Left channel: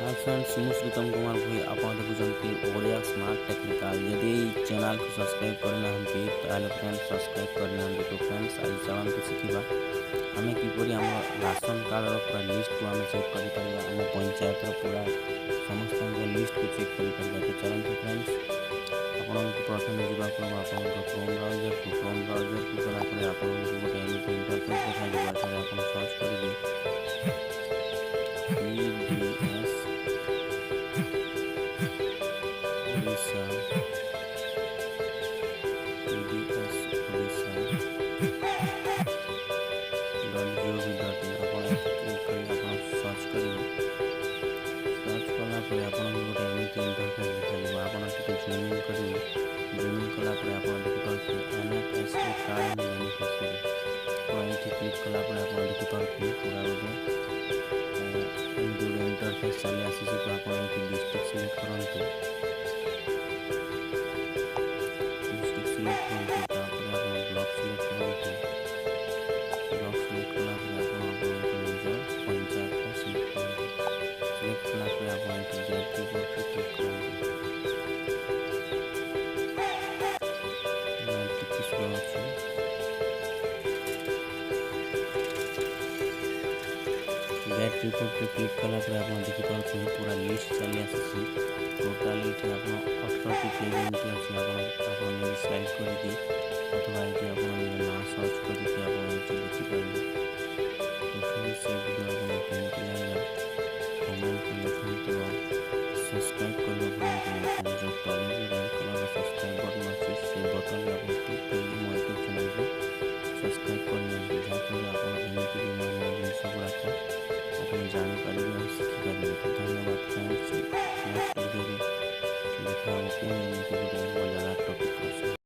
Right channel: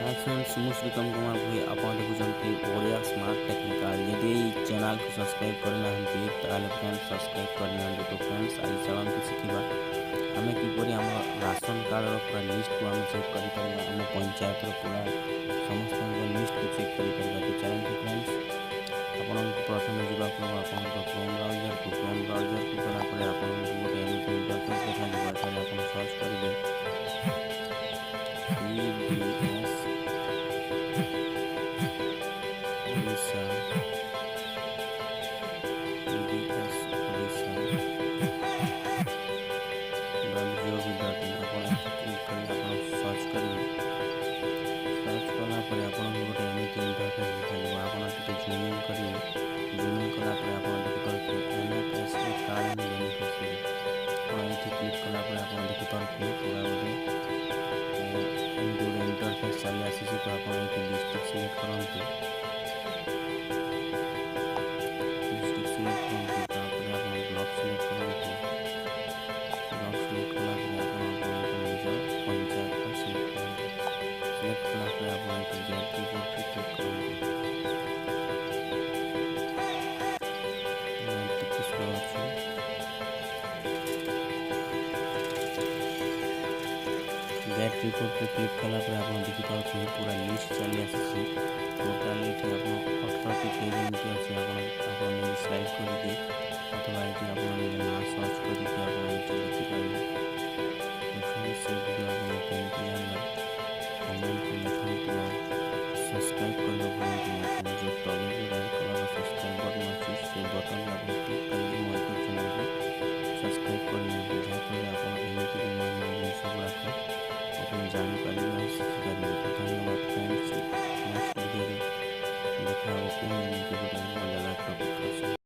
Hi friends, ମୁଁ ଶ୍ରୀତମ କୁମାର ଭୋଇ। ଆପଣ ଦେଖୁଛନ୍ତି ଓଡ଼ିଆ ସ୍ମାର୍ଟ ଟେକ୍ନିକାଲ। ଯଦି ଏଇ ଚ୍ୟାନେଲକୁ ସବସ୍କ୍ରାଇବ୍ କରିନାହାନ୍ତି ତାହେଲେ ଫ୍ରେଣ୍ଡସ୍ ସବସ୍କ୍ରାଇବ୍ କରିନିଅନ୍ତୁ। ତ ଫ୍ରେଣ୍ଡସ୍ ଆଜି ଚାଲନ୍ତୁ ଶିଖିବା ଆମେ କିପରି ଆମ ରାସନ କାର୍ଡ଼ର ପୁରା ଲିଷ୍ଟକୁ ଆମେ ଚେକ୍ କରିପାରିବା। ଆମ ପଞ୍ଚାୟତର ପୁରା ସମସ୍ତଙ୍କ ଲିଷ୍ଟକୁ ଚେକ୍ କରିପାରିବା। ତ ଚାଲନ୍ତୁ ଫ୍ରେଣ୍ଡସ୍, ଆପଣଙ୍କୁ ପ୍ରଥମେ ଯିବାକୁ ହେବ ଆପଣଙ୍କ କ୍ରୋମ୍ ବ୍ରାଉଜରକୁ ଗଲା ପରେ ଆପଣଙ୍କୁ ଗୋଟେ ଏମିତି ଇଣ୍ଟରଫେସ୍ ଦେଖାଯିବ। ଏଠାରେ ଆପଣ ସର୍ଚ୍ଚ କରିବେ PDS ଓଡ଼ିଶା .gov.in ଆପଣ ଏଠି କ୍ଲିକ୍ କରି ଆପଣ ସର୍ଚ୍ଚ କରିବେ। ସର୍ଚ୍ଚ କଲା ପରେ ଆପଣଙ୍କୁ ଗୋଟେ ଏମିତି ଇଣ୍ଟରଫେସ୍ ଦେଖାଯିବ। ଆପଣ ଟିକେ ଜୁମ୍ ଇନ୍ କରିବେ। ଜୁମ୍ ଇନ୍ କଲା ପରେ ଆପଣ ଦେଖିପାରୁଥିବେ NFSA କାର୍ଡ଼ ଆଣ୍ଡ ବେନିଫିସିଆରୀ। ଆପଣ ଏଇଠି କ୍ଲିକ୍ କଲା ପରେ ଆପଣ ଦେଖିପାରୁଥିବେ ପୁରା ଗୋଟେ ଏମିତି ଗୋଟେ ଇଣ୍ଟରଫେସ୍ ଚାଲି ଆସିଛି। ତ ଆପଣ ଏଇଠି ଡିଷ୍ଟ୍ରିକ୍ଟ ସିଲେକ୍ଟ କରନ୍ତୁ। ତାପରେ ଆପଣ ବ୍ଲକ୍ ସିଲେକ୍ଟ କରନ୍ତୁ। ବ୍ଲକ୍ ସିଲେକ୍ଟ କଲା ପରେ ଆପଣ ଆପଣଙ୍କ ନିଜ ପଞ୍ଚାୟତ ସିଲେକ୍ଟ କରନ୍ତୁ। ସିଲେକ୍ଟ କଲା ପରେ ଆପଣ ଏଠି ଗେଟ୍ ରିପୋର୍ଟରେ କ୍ଲିକ୍ କରନ୍ତୁ। ଟିକେ ସ୍ଲୋ ଅଛି। ଗେଟ୍ ରିପୋର୍ଟରେ କ୍ଲିକ୍ କଲା ପରେ ଆପଣ ଦେଖିପାରୁଥିବେ ପୁରା ଲିଷ୍ଟ ଚାଲି ଆସିଛି। ଟୋଟାଲ୍ ଏଠି ଆପଣ 18ଟି ପେଜ୍ ଏମିତି ଅଛି। ଆପଣ ନିଜେ ସ୍ଲାଇଡ୍ କରିକି ଅଥବା ଏଠି ଆପଣ ନିଜ ନାଁ ସର୍ଚ୍ଚ କରିକି ଆପଣ ଏଠି ଦେଖିପାରିବେ। ତ ଫ୍ରେଣ୍ଡସ୍, ସେ ଭିଡ଼ିଓ ଆପଣଙ୍କୁ କେମିତି ଲାଗିଲା କମେଣ୍ଟରେ ଲେଖନ୍ତୁ ଆଉ ସବସ୍କ୍ରାଇବ୍ କରିବା ଭୁଲନ୍ତୁନି। ଆପଣ ଯେଉଁ ତଳେ ଯେଉଁ ରେଡ଼୍ କଲର୍ର ସବସ୍କ୍ରାଇବ୍ ବଟନ୍ ଅଛି ସେ ବଟନ୍ରେ ଆପଣ କ୍ଲିକ୍ କରିକି ମୋ ୟୁଟ୍ୟୁବ୍ ଚ୍ୟାନେଲକୁ ସବସ୍କ୍ରାଇବ୍ କରିନିଅନ୍ତୁ। ଯାହାଫଳରେ ଆପଣ ଏମିତି ବି ନୂଆ ନୂଆ ଜିନିଷ ଗୁଡ଼ାକ ଆପଣ ଜାଣିପାରିବେ ଆଉ ଶିଖିପାରିବେ। ତ ଧନ୍ୟବାଦ ଫ୍ରେଣ୍ଡସ୍। ନେକ୍ସଟ ଭିଡ଼ିଓରେ ଦେଖା ହେବ ପୁଣି ଏମିତି ଗୋଟେ ମଜାଦାର ଟପିକ୍ର ସହ।